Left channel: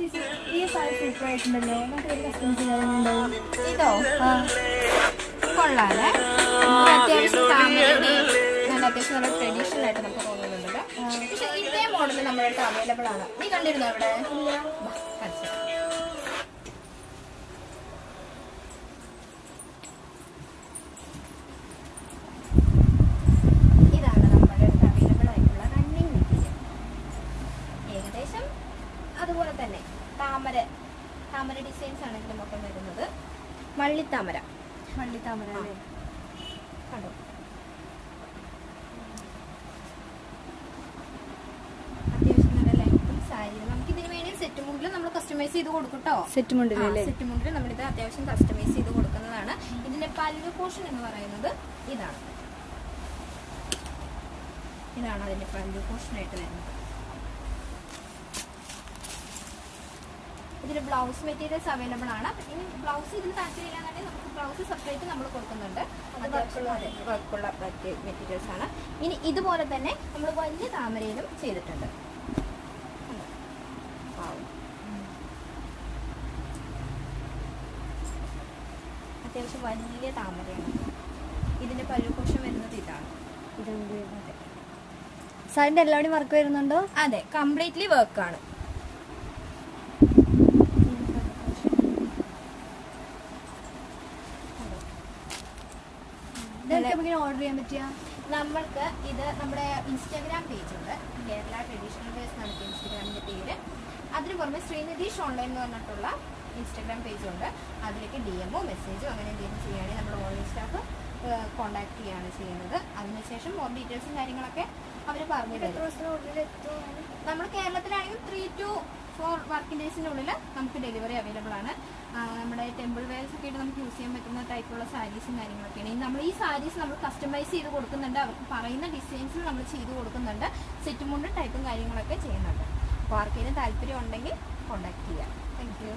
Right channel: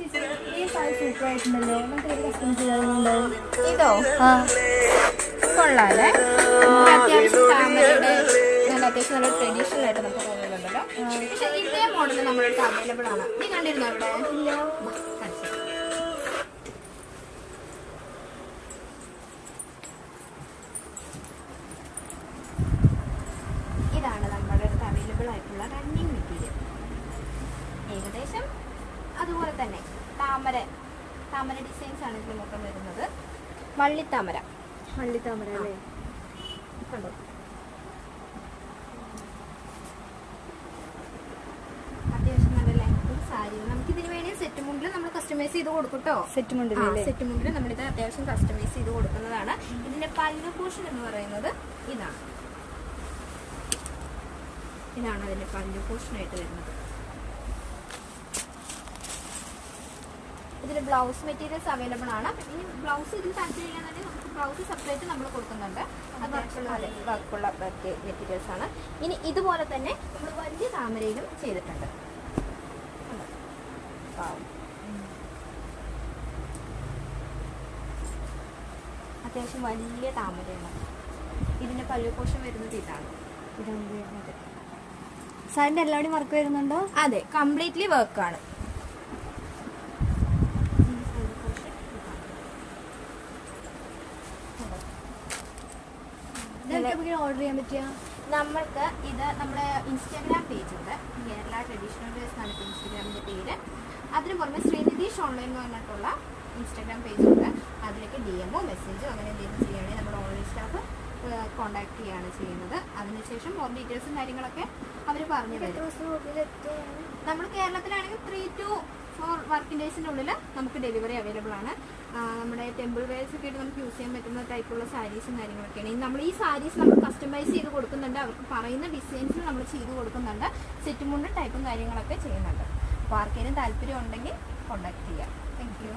ഈ സാരി സൂപ്പർ ആയിട്ടുണ്ടല്ലോ. നമുക്ക് ഒരു കസ്റ്റമൈസ് ചെയ്യാറുണ്ട്. ഇതോ കൊള്ളാല്ലേ, അത്യാവശ്യം നല്ല ട്രഡീഷണൽ ആയിട്ട് നമുക്ക് തോന്നുന്നുണ്ടല്ലോ. പക്ഷെ ഇതേ മോഡൽ നമ്മുടെ അടുത്ത് അവൈലബിൾ ആണ്. നീ കണ്ടിരുന്നോ ഇവിടെ? ഇതാണ് നമ്മുടെ അടുത്ത് അവൈലബിൾ ആയിട്ടുള്ള റണ്ണിങ് മെറ്റീരിയൽ. ഏകദേശം അതുപോലെ തന്നെ താമര ഡിസൈൻസ് ആണ് ഇതിൽ മൊത്തം വരുന്നത്. വള്ളിത്താമര കണ്ടോ, അത്യാവശ്യം നല്ല ലെങ്ത് സാരി. നമുക്ക് ഇതിന് വേണ്ടി സെറ്റ് മുണ്ടിൽ നമ്മൾ കസ്റ്റമൈസ് ചെയ്ത് കൊടുക്കും കേട്ടോ. സെറ്റ് മുണ്ടിൽ നമ്മളിത് അത്യാവശ്യം കസ്റ്റമൈസ് ചെയ്ത് കൊടുക്കുന്നതാണ്. ഇതിന്റെ പല്ല് പോർഷൻ എന്ന് പറയുന്നത് ഇതാണ് അതിന്റെ പല്ല് പോർഷൻ ആയിട്ട് വരുന്നത്. ഇതിൽ ബ്ലൗസ് മെറ്റീരിയൽസ് അവൈലബിൾ ആണ്. ഈ ബ്ലൗസ് ഇതിൽ താല്പര്യമില്ലാന്നുണ്ടെങ്കിൽ നമുക്ക് ബ്ലൗസ് സെപ്പറേറ്റ് നമ്മൾ കൊടുക്കുന്നുണ്ട്. വർക്കുള്ള മെറ്റീരിയൽസ് ആണ്. ഇനി ഇതുപോലെ തന്നെ നമ്മൾ വലിയ താമരയിലും ചെയ്തിട്ടുണ്ട്. അത്യാവശ്യം വലിയ താമരയാണ്. ഇതിന്റെ പല്ലു പോർഷൻ വരുന്നത് ഇതാണ്. സാരിന്റെ എല്ലാവരും വർക്ക് വരുന്നുണ്ടോ? അതെ, കംപ്ലീറ്റ്ലി വർക്കാണ്. ഓർഡർ ചെയ്യാൻ പറ്റിയ നമ്മൾക്ക് ഇത് നമ്മുടെ ഇൻസ്റ്റാഗ്രാം പേജ് ഉണ്ട്. കേരള ട്രഡീഷണൽ വേഴ്സ് എന്നാണ് ഇൻസ്റ്റാഗ്രാമിന്റെ പേര്. അതിന് പുറമെ ശ്രീനിധീഷ് ഓൺലൈൻ എന്ന് പറഞ്ഞിട്ടുള്ള ഇൻസ്റ്റാഗ്രാം പേജ് ഉണ്ട്. അതിലേക്ക് DM-ഓ മെസ്സേജോ അങ്ങനെ എന്തെങ്കിലും ചെയ്യുകയാണെങ്കിൽ നമ്മുടെ ഓൺലൈൻ സ്റ്റാഫ് കോൺടാക്ട് ചെയ്യുകയാണ് ചെയ്യുന്നത്. അതിനുശേഷം മോർ ഡീറ്റെയിൽസും കാര്യങ്ങളൊക്കെ അവർ പറഞ്ഞു തരും. നമ്മൾ കേരളത്തിലാണെങ്കിൽ 3 to 4 വർക്കിംഗ് ഡേയ്സിനുള്ളിൽ നമുക്ക് ഡെലിവറി അവൈലബിൾ ആണ്. നമ്മുടെ ടെമ്പിൾ വെയർസ് ഒക്കെ ആയിട്ട് നമുക്ക് യൂസ് ചെയ്യാൻ പറ്റുന്ന ടൈപ്പുള്ള സാരീസും കാര്യങ്ങളൊക്കെയാണ്. നമ്മൾ ഈ സാരീസ് നമ്മൾ കസ്റ്റമൈസ് ചെയ്ത് കൊടുക്കുന്നുണ്ട്. അവർക്ക് പറയുന്ന ഡിസൈൻസിൽ നമ്മൾ ചെയ്ത് കൊടുക്കുന്നുണ്ട്. സെറ്റ് മുണ്ട് ടൈപ്പും കാര്യങ്ങളൊക്കെ ചെയ്യുന്നുണ്ട്. അപ്പോൾ ആർക്കെങ്കിലും താല്പര്യം ഉണ്ടെങ്കിൽ കോൺടാക്ട് ചെയ്യാം. Thank you.